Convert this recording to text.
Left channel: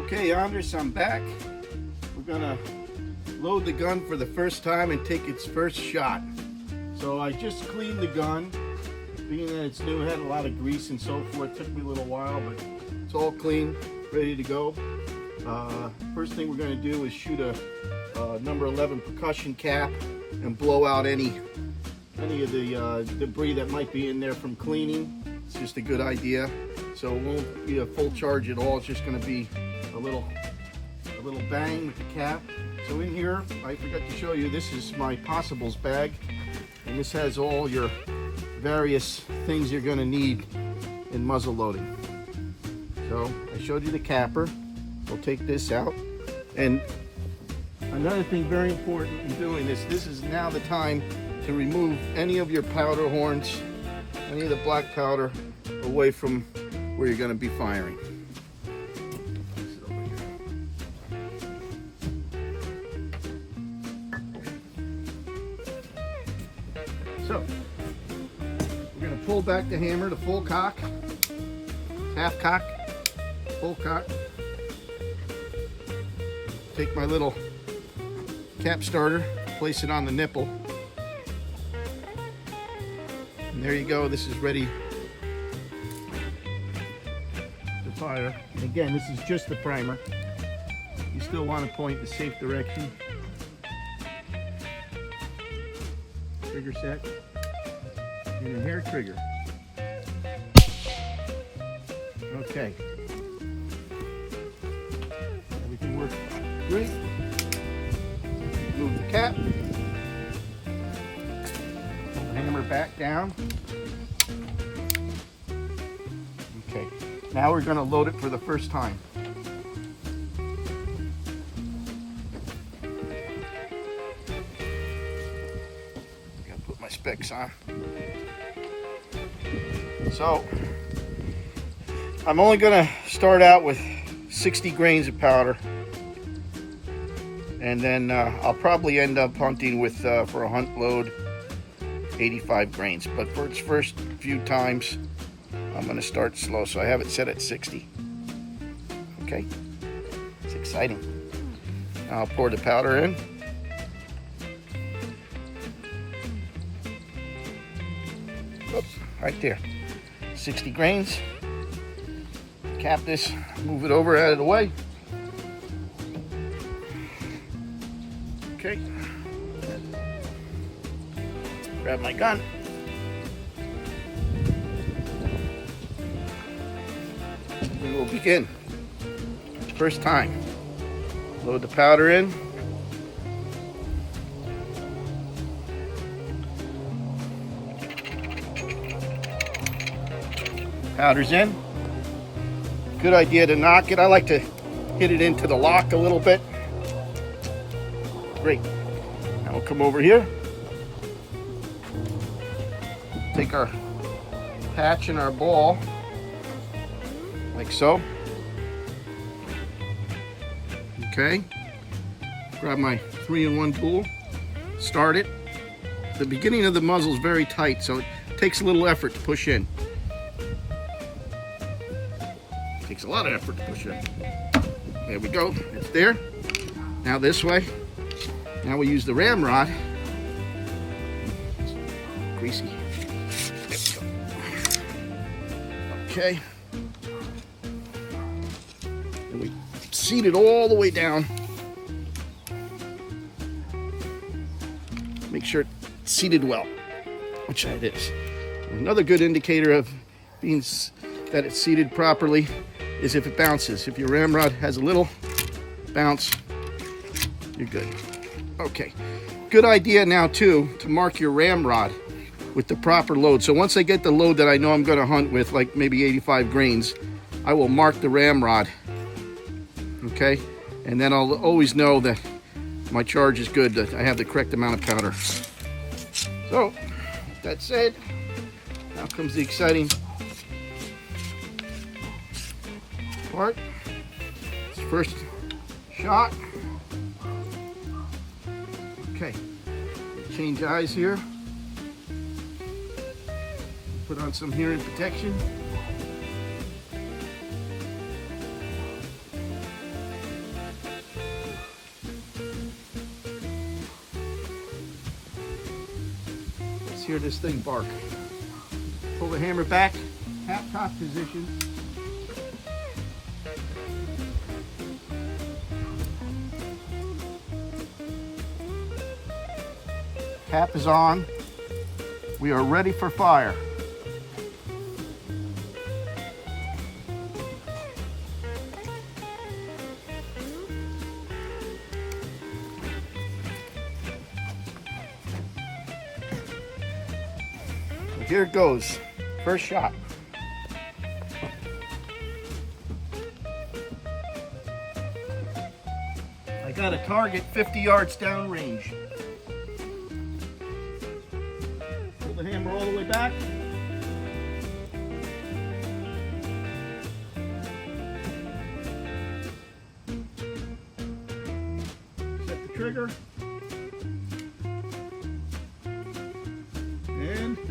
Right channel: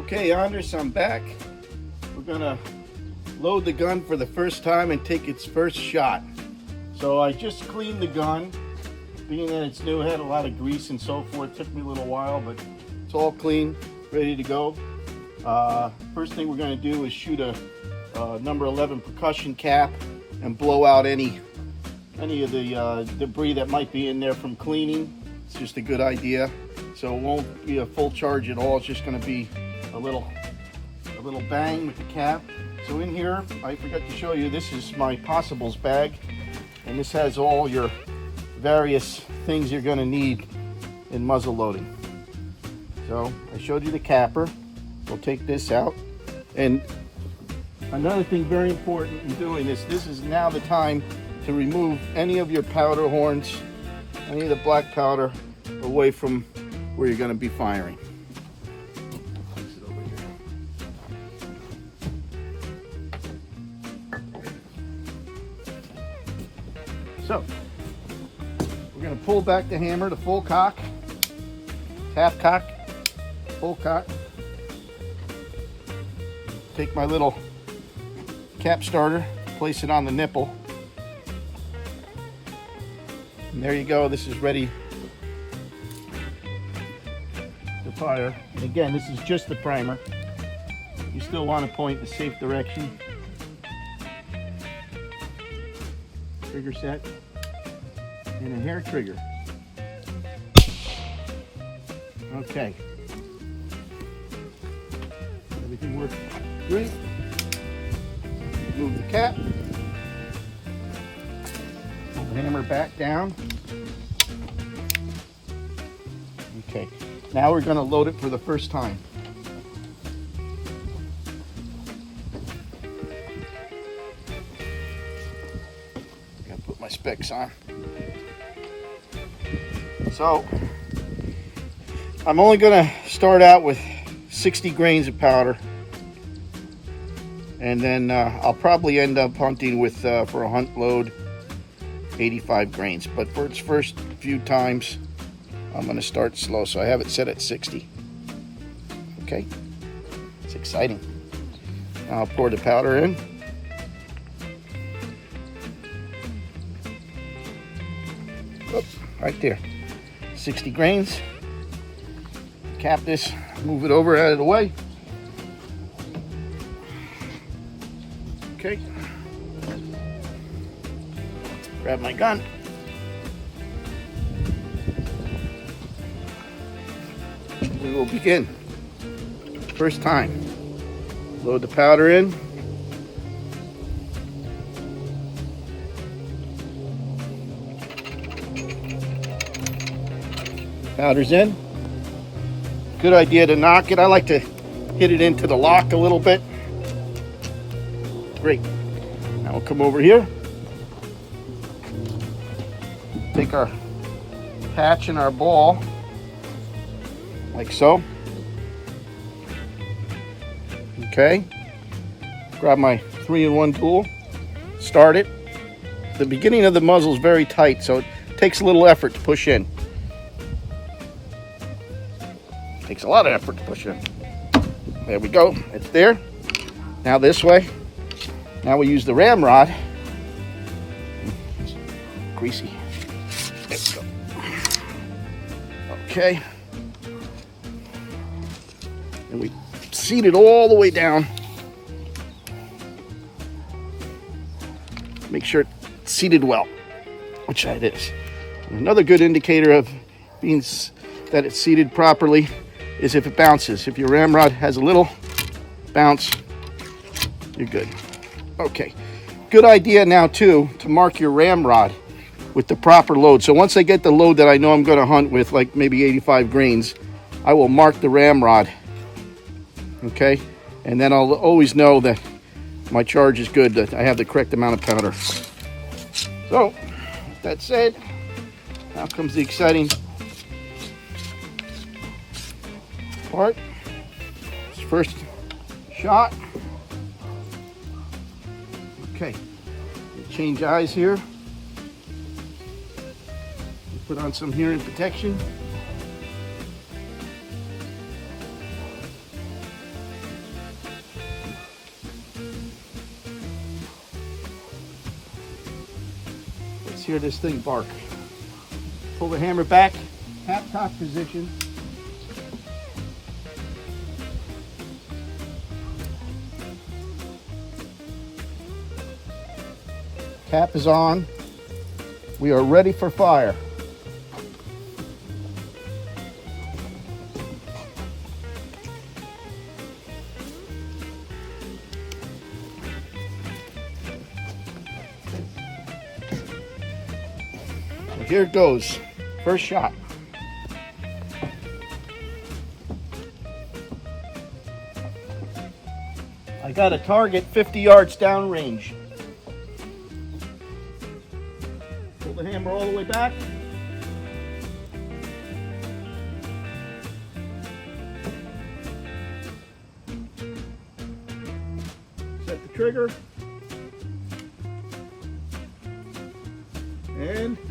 Okay, Andres, I'm back. We're gonna load the gun for the first time and take its first shot. So I just cleaned the gun. Being that it's new, it had a lot of grease and so forth. It took me a little while, but it's all clean, ready to go. First thing we're gonna do is shoot a number 11 percussion cap and blow out any of the debris that might be in there from cleaning. It's just a good idea. So it won't be a full charge at all. It's just going to be a little bang with the cap. So in here, I forgot to show you, this is my Possibles bag, and this has all your various things you're going to need in muzzle loading. So I showed you the capper. We'll take this out. And another thing very important in doing this is now the time to remove any of your powder horns, any of the black powder away from where you're going to be firing. So we're going to pull back the hammer to full cock, half cock, full cock. Take my little cap starter, place it on the nipple, and there you go. This is ready to fire. And again, this is just the primer. You still want to point in a safe direction. Trigger set and a hair trigger. Okay, everything works great. Move the cap, hammer back down. Okay, now we're going to load it for the first time. Gotta put my specs on. So I'm only going to start out with 60 grains of powder. And then I'll probably end up hunting with, for a hunt load, 85 grains. But for its first few times, I'm going to start slow. So I have it set at 60. Okay, it's exciting. Now I'll pour the powder in. Oops, right there, 60 grains. Cap this, move it over out of the way. Okay, grab my gun. We will begin. First time. Load the powder in. Powder's in. Good idea to knock it. I like to hit it into the lock a little bit. Great. Now we'll come over here. Take our patch and our ball, like so. Okay. Grab my 3-in-1 tool. Start it. The beginning of the muzzle is very tight, so it takes a little effort to push in. Takes a lot of effort to push in. There we go. It's there. Now this way. Now we use the ramrod. Greasy. There we go. Okay. And we seat it all the way down. Make sure it's seated well, which it is. Another good indicator of being that it's seated properly is if it bounces. If your ramrod has a little bounce, you're good. Okay, good idea now too to mark your ramrod with the proper load. So once I get the load that I know I'm going to hunt with, like maybe 85 grains, I will mark the ramrod. Okay, and then I'll always know that my charge is good, that I have the correct amount of powder. So that said, now comes the exciting part. It's first shot. Okay, change eyes here. Put on some hearing protection. Let's hear this thing bark. Pull the hammer back, half cock position. Cap is on. We are ready for fire. So here it goes. First shot. I got a target 50 yards downrange. Pull the hammer all the way back. Set the trigger. And